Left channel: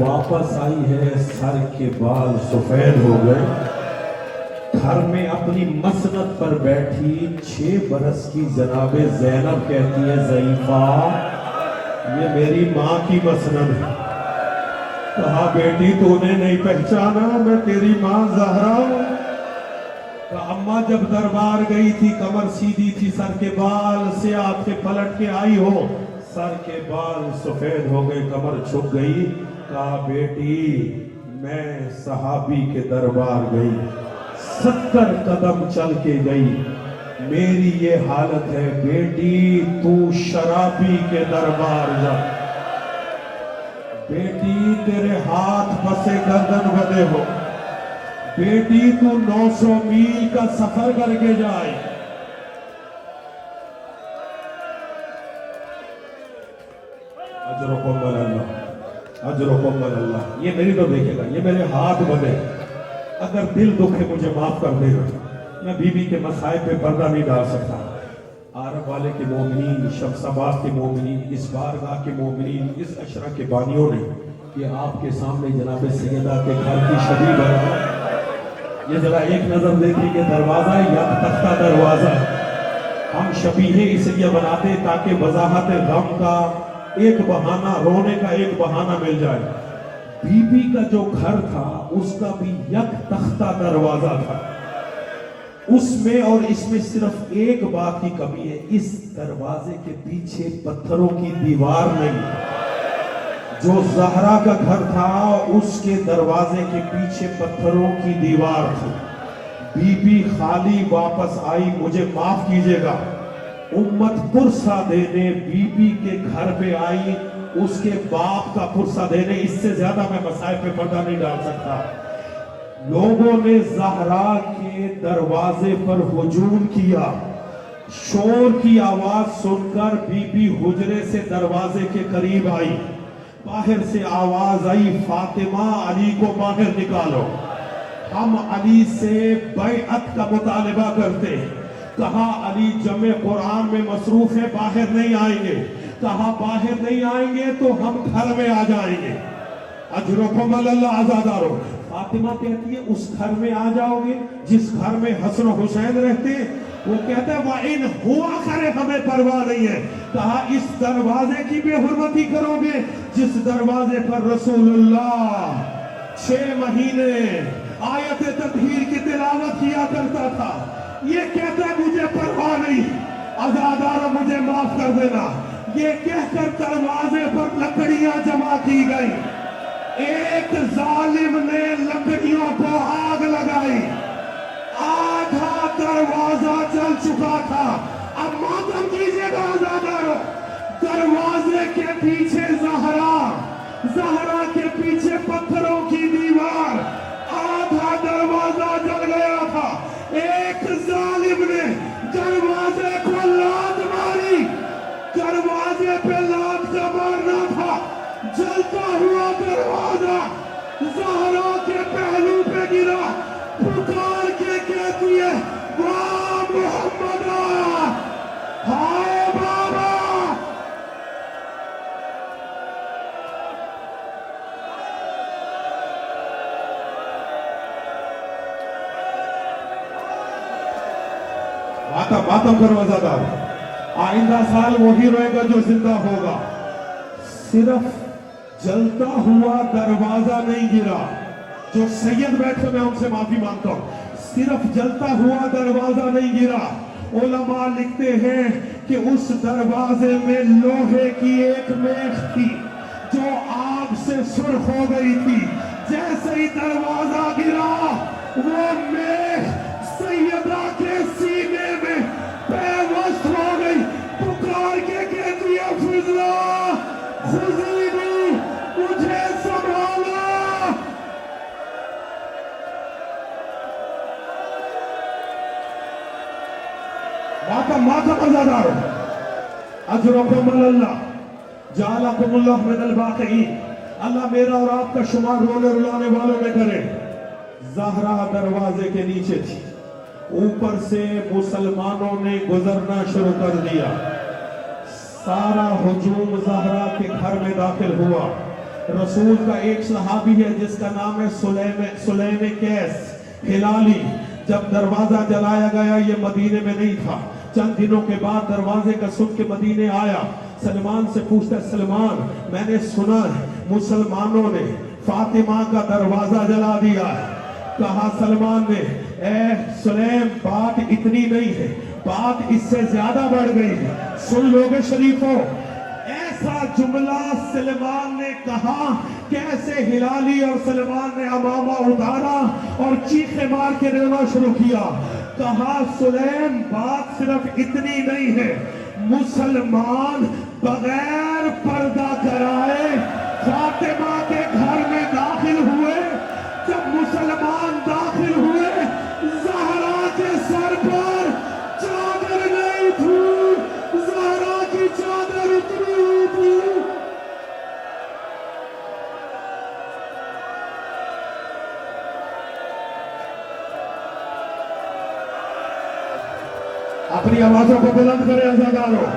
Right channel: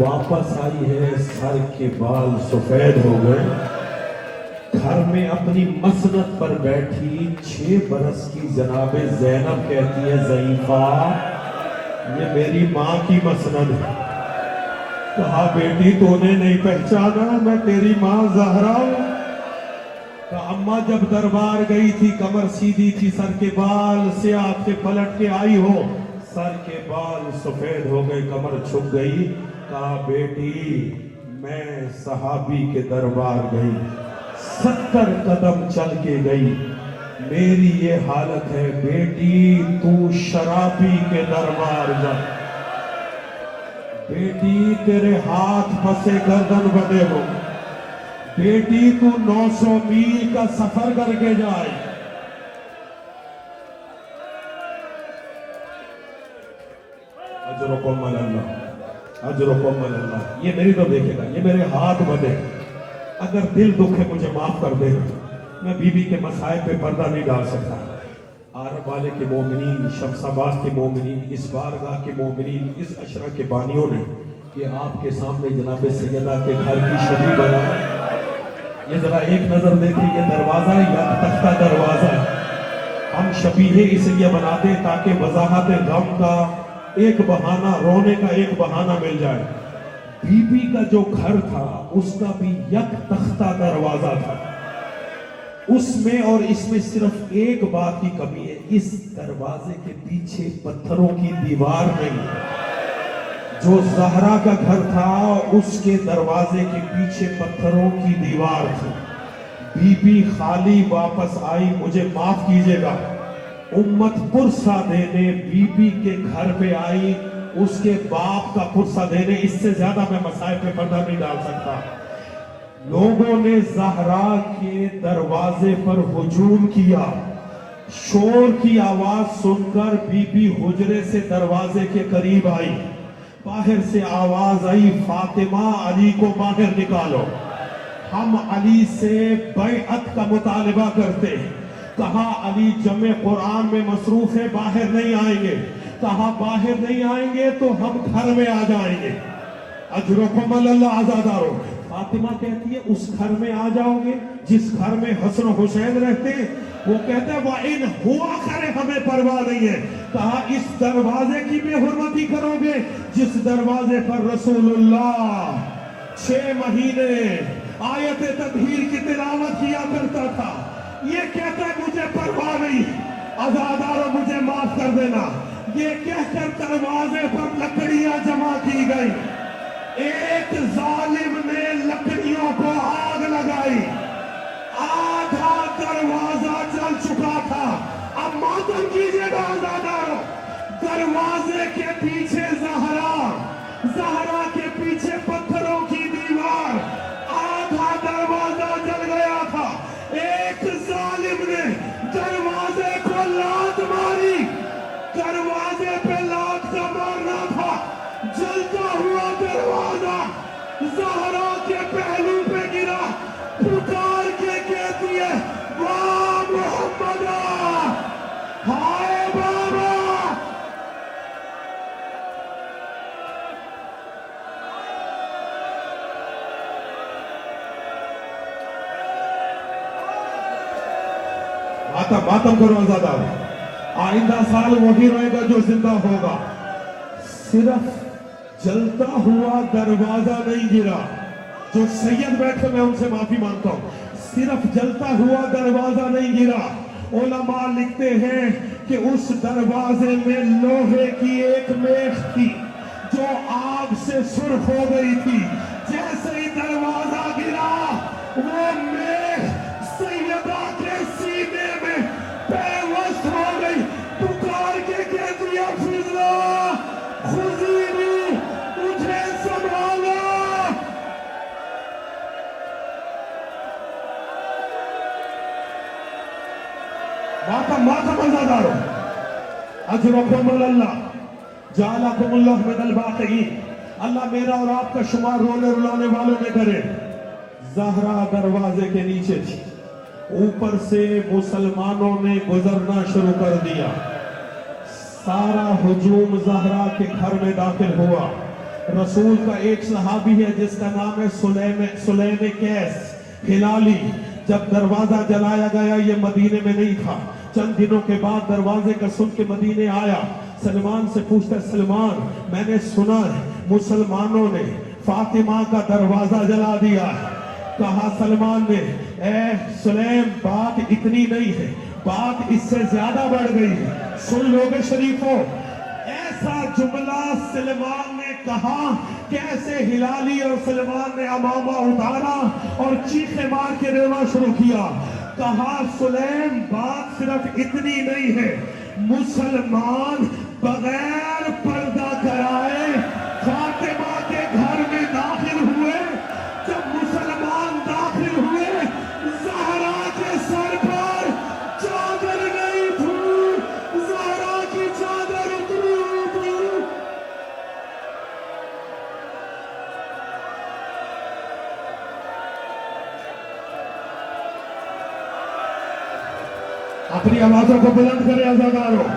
واپس آئی ہے سر کے بال سفید ہو گئے، گھر میں اپنی مسند پر بیٹھی 6 برس کی جناب زینب کہتی ہے ضعیفہ یہ میری ماں کی مسند ہے۔ کہا بیٹی تو نے نہیں پہچانا میں تیری ماں زہرا ہوں۔ کہا اماں جب دربار گئی تھی کمر سیدھی تھی، سر کے بال سے آپ کے پلٹ کے آئی ہو، سر کے بال سفید ہو گئے، کمر چھپ گئی۔ کہا بیٹی میں صحابی کے دربار گئی، 70 قدم چل کے گئی، میری یہ حالت ہے، بیٹی تو شرابی کے دربار جا، بیٹی تیرے ہاتھ پسے گردن بندے ہو، بیٹی تو 900 میل کا سفر کر کے جائے۔ اجرکم اللہ، اجرکم اللہ، یہ میری تو دیکھے گا، یہ میرے ہاتھ بدے، اگر دل دکھے مجھے معاف کر دے، میں بی بی کے مسائل پہ پردہ نہیں ڈال سکتا۔ عرب والے کے مومنین، شمساباد کے مومنین، اس بارگاہ کے مومنین، اس عشرہ کے بانیوں نے یہ آپ کے سامنے جناب سیدہ کے گھر کی شبی بنا، یہ ذرا ایک نظر دیتی کہ دروازہ یا تختہ دروازہ، ہم شبیہ اس لیے بناتے تاکہ وضاحت غم کا ایک بہانہ، رونے کا ایک بہانہ مل جائے۔ بی بی کا جو گھر تھا اس کا بھی یک تختہ دروازہ تھا، اس میں اور اس میں صرف ایک بات کی کمی ہے، اس دروازے کے پیچھے پتھروں کی دیوار نہیں۔ جو زہرا کا گھر تھا اس کے دروازے کے پیچھے پتھروں کی دیوار تھی۔ بی بی خالی واپس آئی، مجھے معاف کیجئے گا، امت پرسہ دینے بی بی کے گھر پہ آئی، اس کے باپ کا پرسہ دینے، اس سے زیادہ میں مسائل پہ پردہ نہیں ڈال سکتا۔ لوگوں نے زہرا کے دروازے پر ہجوم کیا، شور کی آواز سن کر بی بی حجرے سے دروازے کے قریب آئی، باہر سے آواز آئی فاطمہ علی کو باہر نکالو، ہم علی سے بیعت کا مطالبہ کرتے ہیں۔ کہا علی جمع قرآن میں مصروف ہے، باہر نہیں آئیں گے۔ کہا باہر نہیں آئیں گے تو ہم گھر میں آ جائیں گے، اجرکم اللہ عزادارو۔ فاطمہ کہتی ہے اس گھر میں آ جاؤ گے جس گھر میں حسن و حسین رہتے ہیں؟ وہ کہتے ہیں وَإِنْ ہوا کرے ہمیں پرواہ نہیں ہے۔ کہا اس دروازے کی بے حرمتی کرو گے جس دروازے پر رسول اللہ 6 مہینے آیت تطہیر کی تلاوت کیا کرتا تھا؟ یہ کہتا ہے مجھے پرواہ نہیں، عزادارو مجھے معاف کر دینا۔ یہ کہہ کر دروازے پر لکڑیاں جمع کی گئی، ایک ظالم نے لکڑیوں کو آگ لگائی، آدھا دروازہ جل چکا تھا۔ اب ماتم کیجئے گا عزادارو، دروازے کے پیچھے زہرا، زہرا کے پیچھے پتھروں کی دیوار، آدھا دروازہ جل گیا تھا۔ ایک ظالم نے دروازے کو لات ماری، دروازے پہ لات کا مارنا تھا، جلتا ہوا دروازہ زہرا کے پہلو پہ گرا، پکار کے کہتی ہے واہ محمدہ، ہائے بابا۔ ماتم کرو عزادارو، آئندہ سال وہی رہے گا جو زندہ ہوگا۔ صرف جلتا ہوا دروازہ نہیں گرا، جو سید بیٹھے میں ان سے معافی مانگتا ہوں، صرف جلتا ہوا دروازہ نہیں گرا، علماء لکھتے ہیں کہ اس دروازے میں لوہے کی ایک میخ تھی جو آگ سے سرخ ہو گئی تھی۔ جیسے ہی دروازہ گرا وہ میخ سیدہ کے سینے میں پیوست ہو گئی، پکار کے کہتی ہے فضلہ خذینی، مجھے سنبھالا۔ ماتم عزادارو، اجرکم اللہ، جعلکم اللہ من الباقین، اللہ میرا اور آپ کا شمار رونے رلانے والوں میں کرے۔ زہرا دروازے کے نیچے تھی، اوپر سے مسلمانوں نے گزرنا شروع کر دیا، سارا ہجوم زہرا کے گھر میں داخل ہوا، रसूल का एक सहाबी है जिसका नाम है सुलैम कैस हिलाली। जब दरवाजा जलाया गया, ये मदीने में नहीं था, चंद दिनों के बाद दरवाजे का सुन के मदीने आया। सलमान से पूछता, सलमान मैंने सुना है मुसलमानों ने फातिमा का दरवाजा जला दिया है। कहा सलमान ने, ए सुलैम बात इतनी नहीं है, बात इससे ज्यादा बढ़ गई है। सुन लोगे शरीफों, ऐसा जुमला सलमान ने कहा, कैसे हिलाली और सलमान ने अमामा उतारा और चीखे मार के रोना शुरू किया। कहा सुलैम बात सिर्फ इतनी नहीं है, मुसलमान बगैर पर्दा कराए फातिमा के घर में दाखिल हुए। जब मुसलमान दाखिल हुए, ज़हरा के सर पर चादर नहीं थी, ज़हरा की चादर उतरी थी। अपनी आवाजों को बुलंद करें अज़ादारों।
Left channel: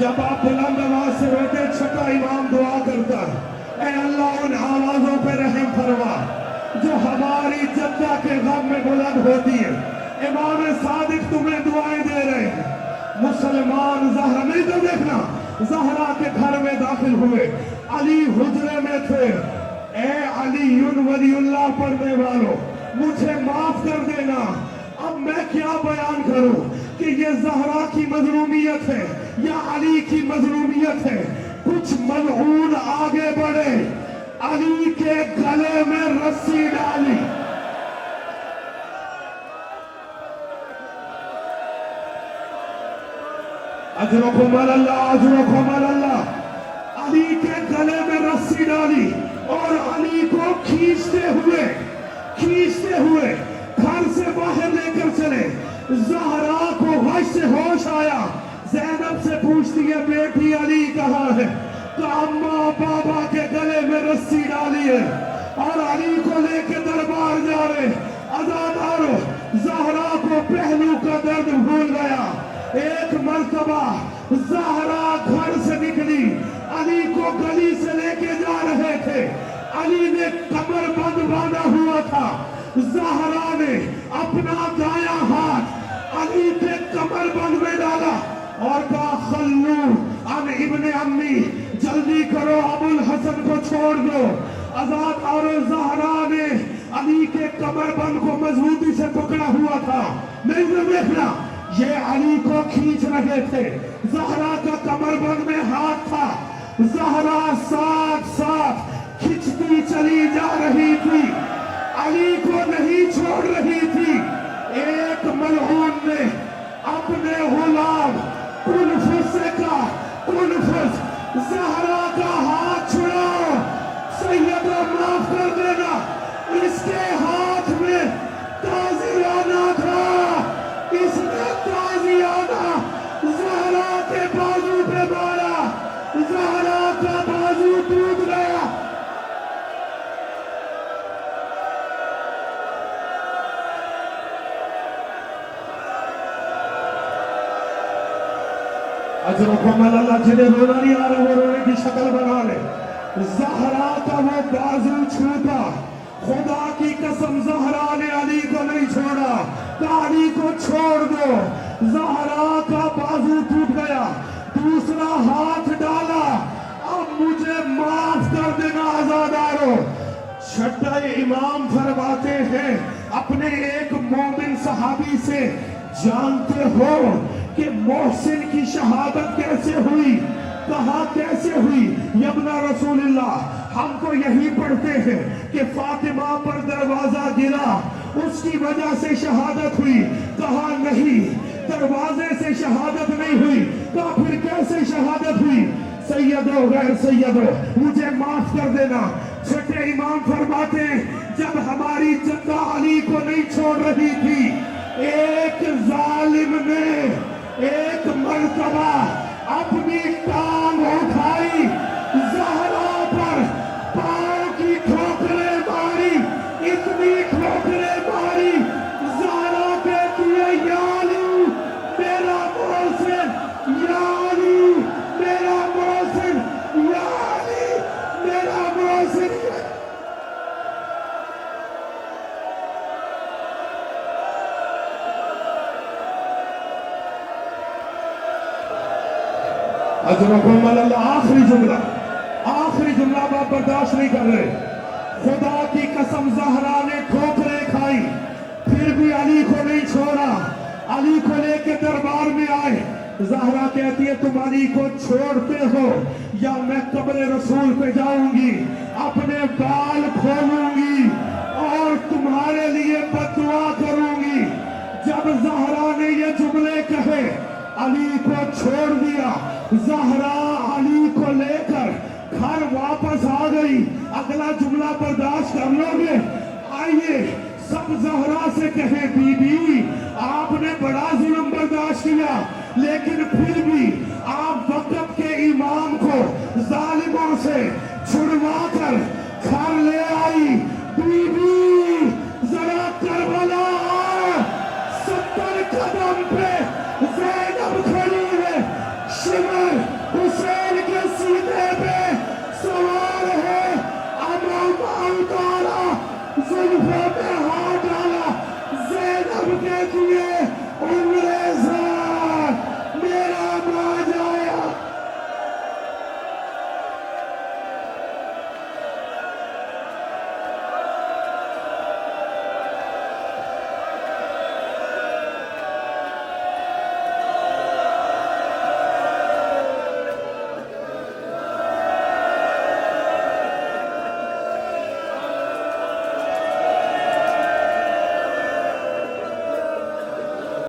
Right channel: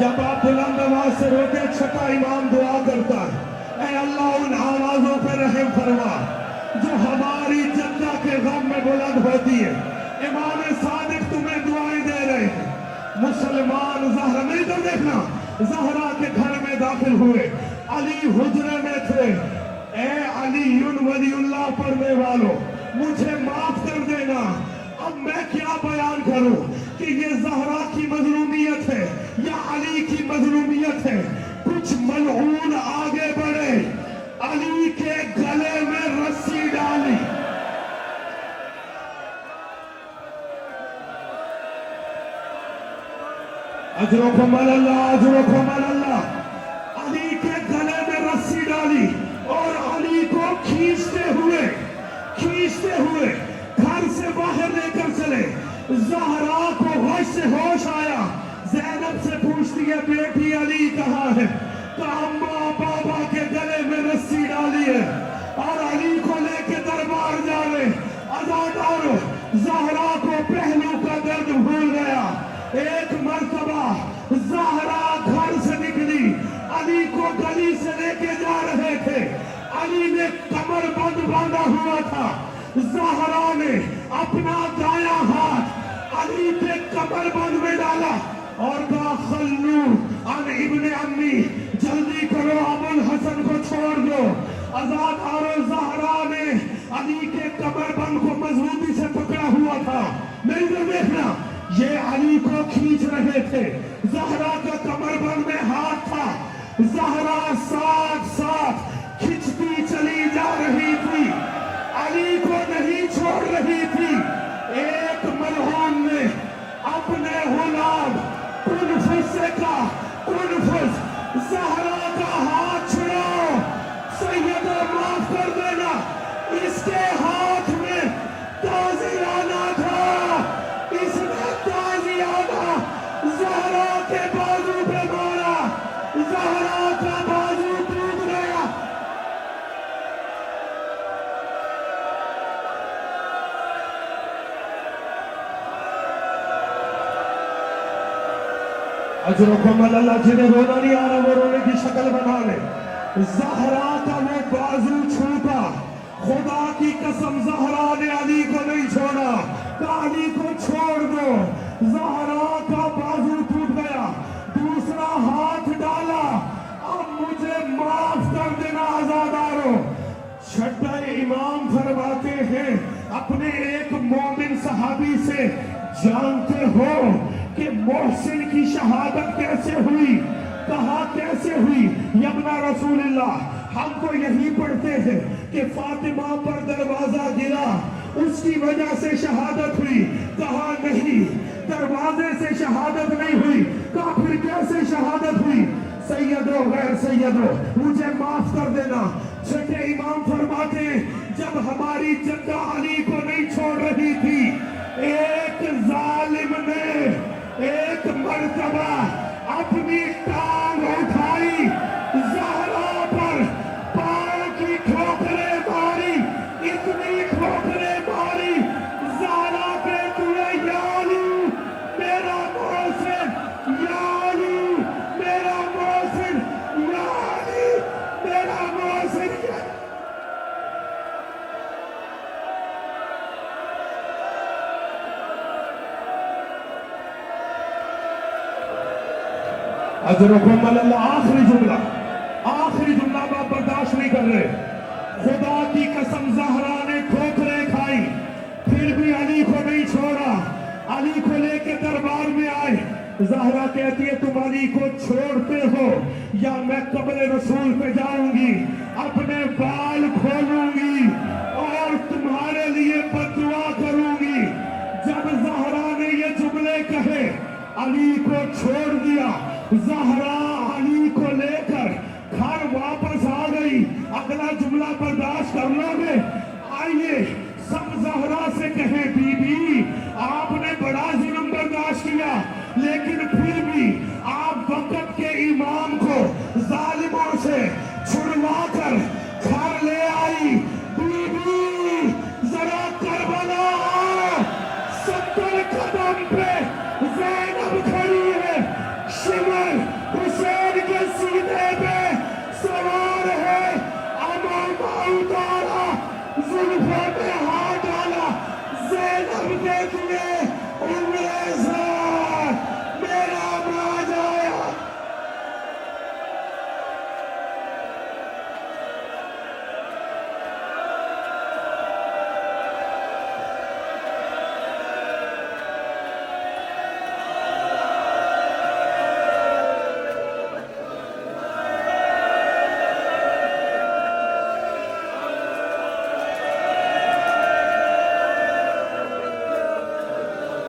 जब आप बुलंद आवाज से रोते, छठा इमाम दुआ करता है, ऐ अल्लाह उन आवाजों पे रहम फरमा जो हमारी जद्दा के गम में बुलंद होती है। इमाम सादिक तुम्हें दुआएं दे रहे हैं। मुसलमान ज़हरा नहीं तो देखना, ज़हरा के घर में दाखिल हुए, अली हुजरे में थे। ए अली वलीउल्लाह पढ़ने वालों, मुझे माफ कर देना। अब मैं क्या बयान करूं कि ये ज़हरा की मजलूमियत है या अली की मजलूमियत है। कुछ मलऊन आगे बढ़े, अली के गले में रस्सी डाली। अजरकुम अल्लाह, अजरकुम अल्लाह। अली के गले में रस्सी डाली और अली को खींचते हुए घर से बाहर लेकर चले। ज़हरा को होश से होश आया, ज़ैनब से पूछती है, बेटी अली कहाँ है? तो अम्मा बाबा के गले में रस्सी डाली है और अली को लेके दरबार जा रहे। अज़ादारों, ज़हरा को पहलू का दर्द भूल गया। एक मर्तबा ज़हरा घर से निकली, अली को गली से लेके जा रहे थे। अली ने कमर बंद बांधा हुआ था। ज़हरा ने अपना दाया हाथ अली के कमर बंद में डाला और कहा, खल्लू अन इब्ने अम्मी, जल्दी करो अबुल हसन को छोड़ दो। अज़ादारों, ज़हरा ने अली के कमर बंद को मजबूती से पकड़ा हुआ था। नहीं तो देखना, ये अली को खींच रहे थे। ज़हरा का कमर बंद में हाथ था। ज़हरा साथ साथ खिंचती चली जा रही थी, अली को नहीं छोड़ रही थी। एक मलऊन ने अपने गुलाम कुनफुस से कहा, कुनफुस ज़हरा का हाथ छुड़ाओ, सैयदो माफ कर देना। इसके हाथ में ताज़ियाना था, इसने ताज़ियाना ज़हरा के बाजू पे मारा, ज़हरा का बाजू टूट गया। अजरकुम अल्लाह, जिन्हें रोना नहीं आ रहा वो रोने की शक्ल बना ले। ज़हरा का वो बाजू छूटा, खुदा की कसम ज़हरा ने अली को नहीं छोड़ा, अली को छोड़ दो। ज़हरा का बाजू टूट गया, दूसरा हाथ डाला, अब मुझे माफ कर देना आज़ादारों। छठा इमाम फरमाते हैं, अपने एक मोमिन सहाबी से, जानते हो कि मोहसिन की शहादत कैसे हुई? कहा कैसे हुई? यबना रसूलुल्लाह, हम तो यही पढ़ते हैं कि फातिमा पर दरवाजा गिरा, उसकी वजह से शहादत हुई। कहा नहीं, दरवाजे से शहादत नहीं हुई। कहा फिर कैसे शहादत हुई? सैयदो गैर सैयदो, मुझे माफ कर देना। छठे इमाम फरमाते, जब हमारी जद्दा अली को नहीं छोड़ रही थी, एक जालिम ने एक मर्तबा अपनी टांग उठाई, ज़हरा पर पांव की ठोकरें मारी, इतनी ठोकरें मारी, ज़हरा कहती है, या अली मेरा मोहसिन, या अली मेरा मोहसिन, या अली मेरा मोहसिन। अजरकुम अल्लाह। आखिरी जुमला आप बर्दाश्त नहीं कर रहे। खुदा की कसम ज़हरा ने ठोकरें खाई फिर भी अली को नहीं छोड़ा। अली को लेके दरबार में आए। ज़हरा कहती है तुम अली को छोड़ते हो या मैं कब्र रसूल पे जाऊंगी, अपने बाल खोलूंगी और तुम्हारे लिए बददुआ करूंगी। जब ज़हरा ने ये जुमले कहे अली को छोड़ दिया। ज़हरा अली को लेकर घर वापस आ गई। अगला जुमला बर्दाश्त कर लोगे? आइए सब ज़हरा से कहे बीबी